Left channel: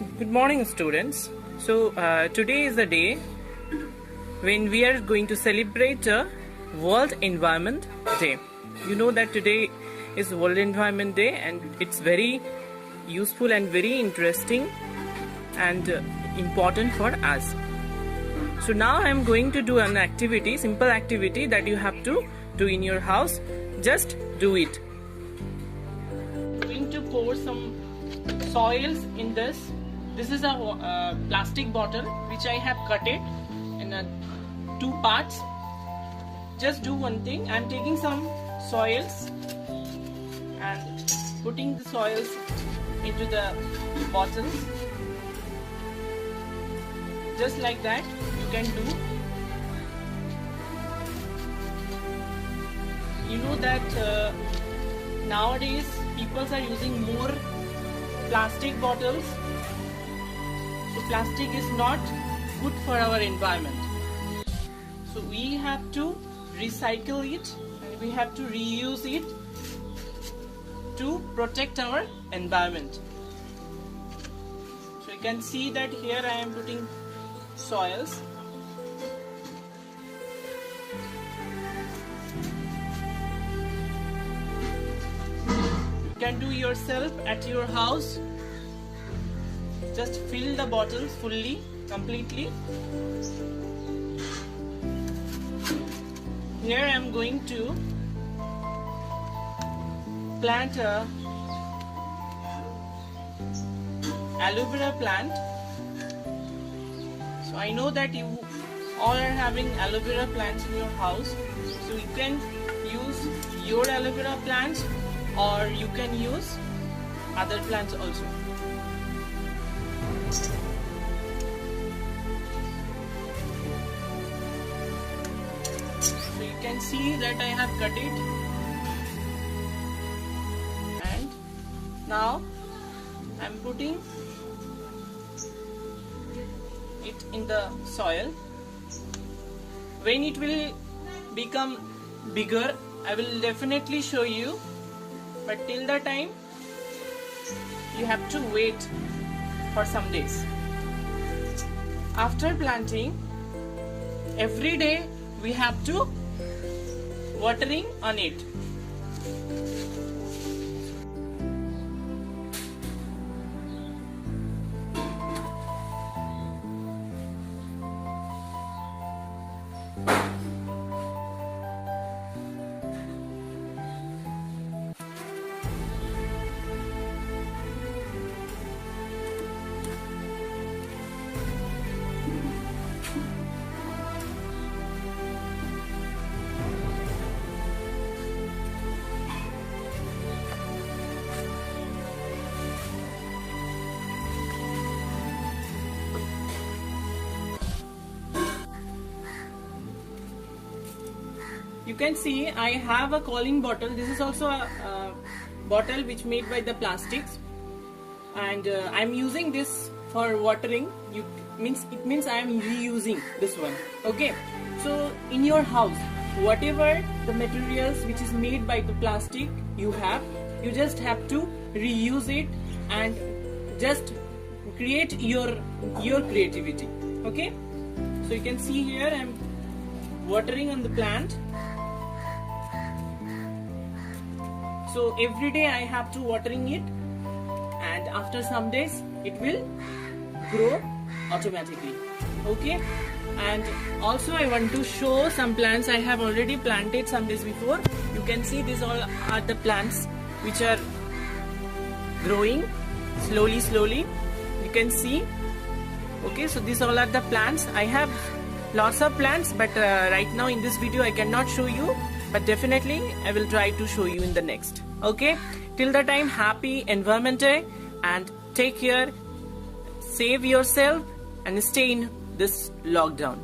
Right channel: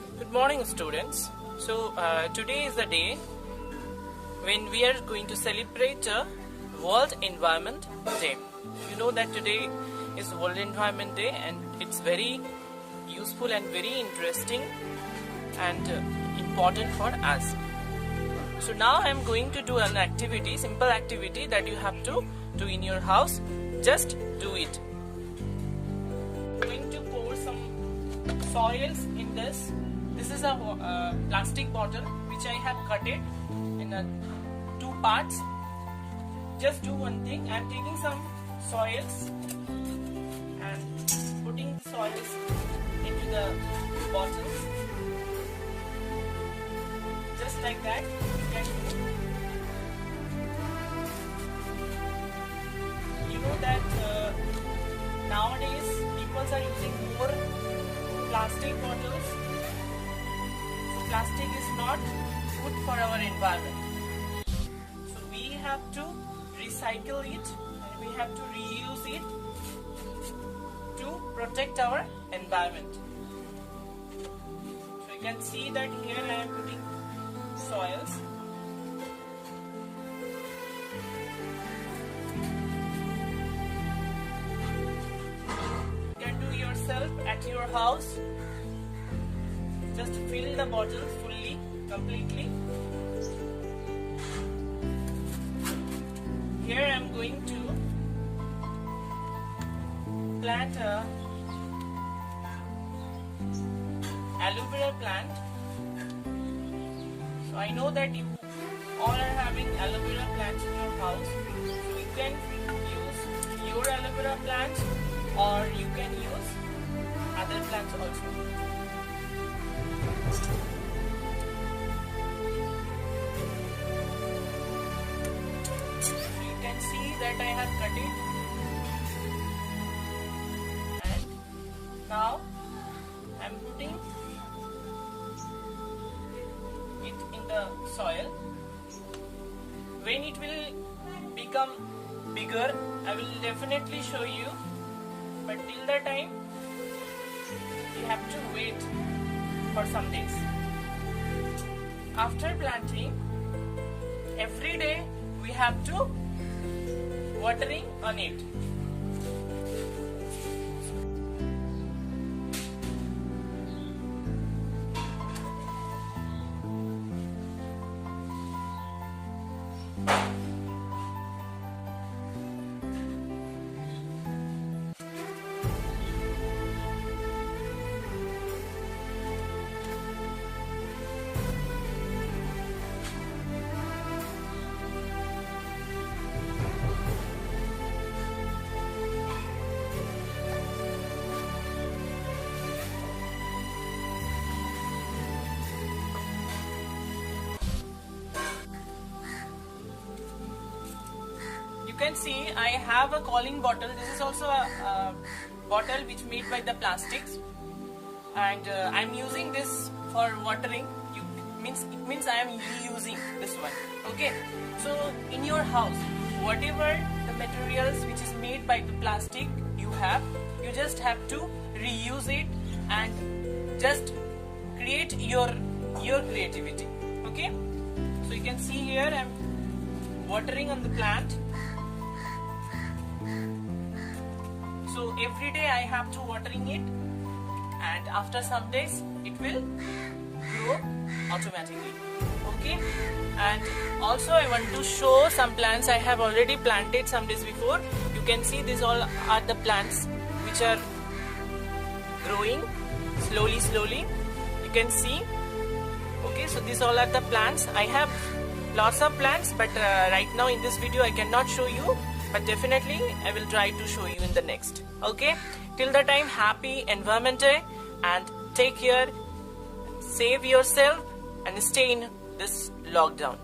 Good morning, students. Today is the day when we are going to celebrate World Environment Day. You know that today is World Environment Day and it's very useful and very interesting and important for us. So now I am going to do an activity, simple activity that you have to do in your house. Just do it. I'm going to pour some soils in this. This is a plastic bottle which I have cut it in two parts. Just do one thing. I am taking some soils and putting the soils into the bottles. Just like that you can do. You know that nowadays people are using more plastic bottles. So plastic is not good for our environment. So we have to recycle it and we have to reuse it to protect our environment. So you can see that here I am putting soils. You can do yourself at your house. Just fill the bottles fully, completely. Here I am going to plant a aloe vera plant. So I know that you all are having aloe vera plants in your house. So you can use your aloe vera plants or you can use other plants also. So you can see that I have cut it, and now I am putting it in the soil. When it will become bigger, I will definitely show you, but till the time you have to wait for some days. After planting, every day we have to watering on it. You can see I have a cooling bottle. This is also a bottle which made by the plastics, and I'm using this for watering. It means I am reusing this one. Okay, so in your house, whatever the materials which is made by the plastic you just have to reuse it and just create your creativity. Okay, so you can see here I'm watering on the plant. So every day I have to watering it, and after some days it will grow automatically. Okay, and also I want to show some plants I have already planted some days before. You can see these all are the plants which are growing slowly. You can see. Okay, so these all are the plants. I have lots of plants, but right now in this video I cannot show you, but definitely I will try to show you in the next. Okay, till the time, happy Environment Day and take care, save yourself and stay in this lockdown.